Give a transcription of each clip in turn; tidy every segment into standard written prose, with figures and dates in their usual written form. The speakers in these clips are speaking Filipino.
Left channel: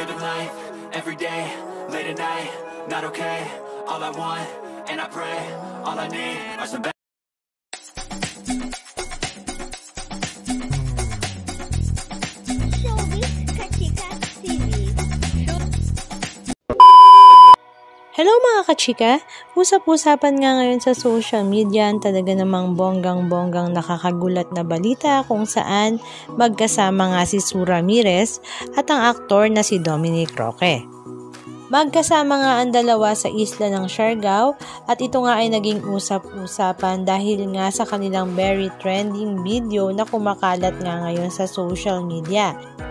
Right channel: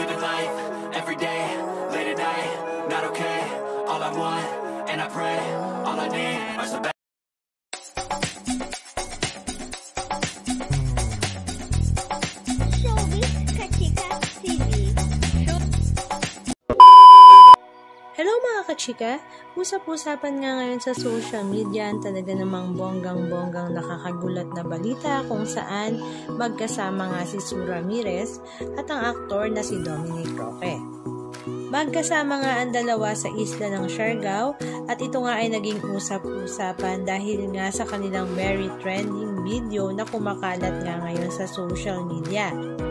living life, every day, late at night, not okay. All I want, and I pray, all I need are some better. Hello mga kachika! Usap-usapan nga ngayon sa social media ang talaga namang bonggang-bonggang nakakagulat na balita kung saan magkasama nga si Sue Ramirez at ang aktor na si Dominic Roque. Magkasama nga ang dalawa sa isla ng Siargao at ito nga ay naging usap-usapan dahil nga sa kanilang very trending video na kumakalat nga ngayon sa social media.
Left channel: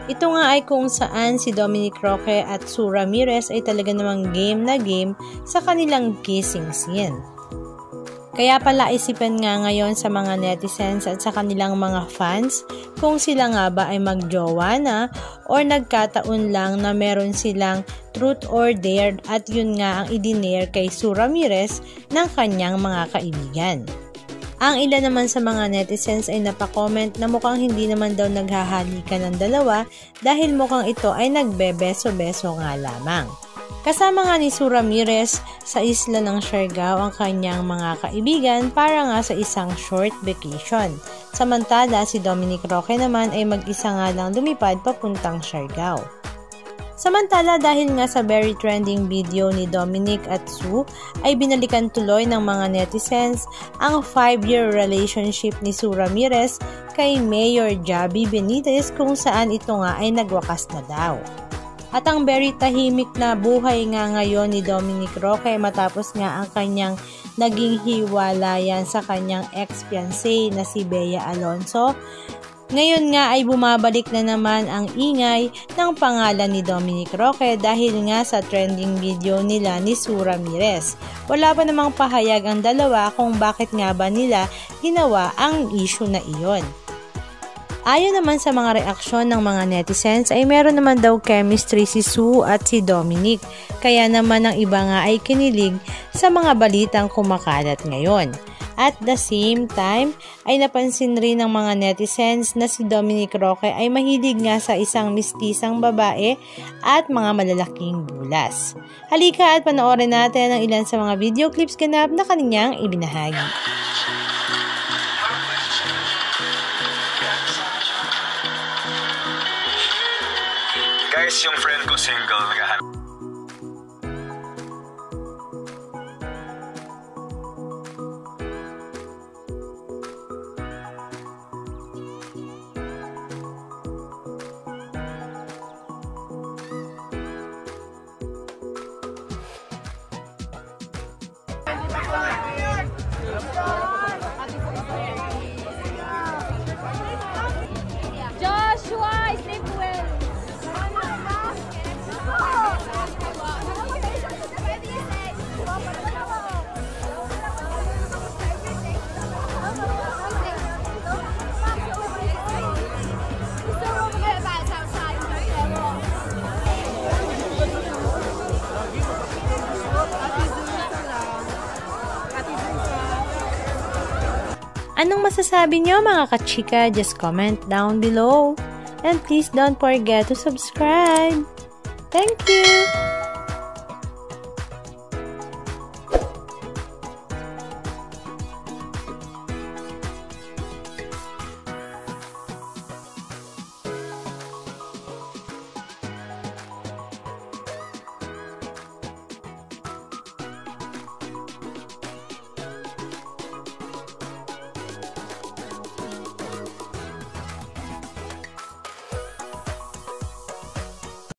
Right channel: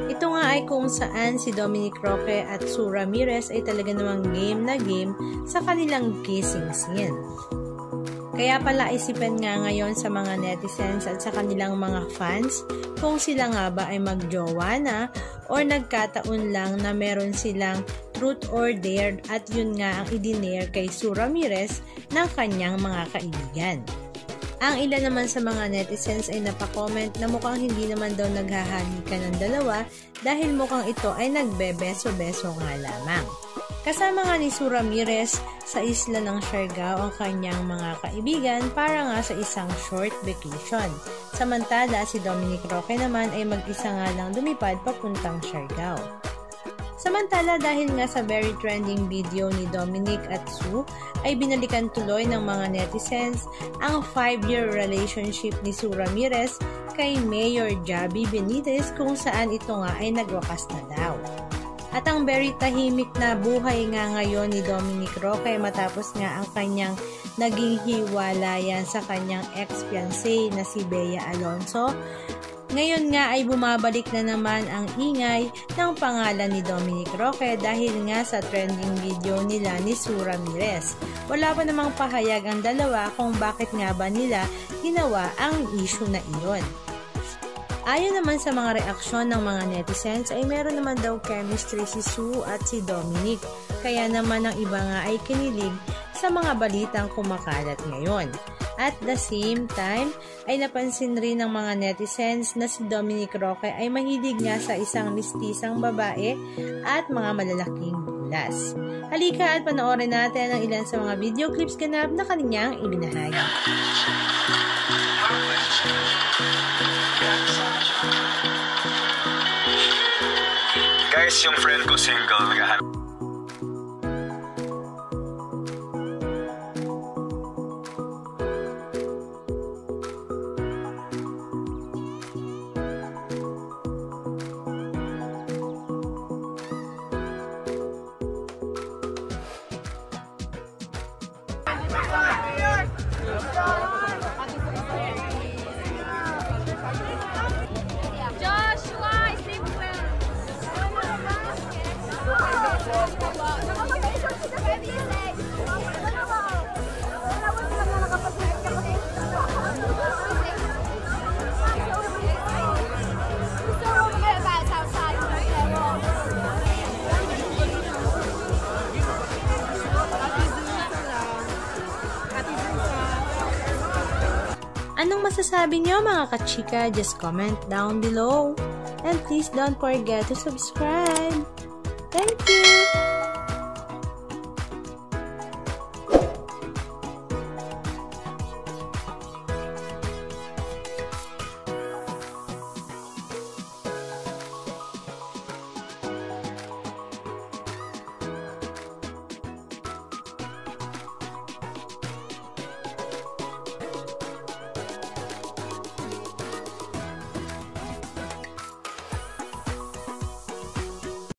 Ito nga ay kung saan si Dominic Roque at Sue Ramirez ay talaga namang game na game sa kanilang kissing scene. Kaya pala isipan nga ngayon sa mga netizens at sa kanilang mga fans kung sila nga ba ay magjowa na or nagkataon lang na meron silang truth or dare at yun nga ang idinare kay Sue Ramirez ng kanyang mga kaibigan. Ang ilan naman sa mga netizens ay napakomment na mukhang hindi naman daw naghahalikan ng dalawa dahil mukhang ito ay nagbebeso-beso nga lamang. Kasama nga ni Sue Ramirez sa isla ng Siargao ang kanyang mga kaibigan para nga sa isang short vacation. Samantala si Dominic Roque naman ay mag-isa nga lang lumipad papuntang Siargao. Samantala dahil nga sa very trending video ni Dominic at Sue ay binalikan tuloy ng mga netizens ang 5-year relationship ni Sue Ramirez kay Mayor Javi Benitez kung saan ito nga ay nagwakas na daw. At ang very tahimik na buhay nga ngayon ni Dominic Roque matapos nga ang kanyang naging hiwalayan sa kanyang ex-fiancé na si Bea Alonzo. Ngayon nga ay bumabalik na naman ang ingay ng pangalan ni Dominic Roque dahil nga sa trending video nila ni Sue Ramirez. Wala pa namang pahayag ang dalawa kung bakit nga ba nila ginawa ang issue na iyon. Ayon naman sa mga reaksyon ng mga netizens ay meron naman daw chemistry si Sue at si Dominic. Kaya naman ang iba nga ay kinilig sa mga balitang kumakalat ngayon. At the same time ay napansin rin ng mga netizens na si Dominic Roque ay mahilig nga sa isang mistisang babae at mga malalaking bulas. Halika at panoorin natin ang ilan sa mga video clips ganap na kanyang ibinahagi. Guys, yung friend ko single, naghahanap. Anong masasabi niyo mga kachika? Just comment down below. And please don't forget to subscribe. Thank you!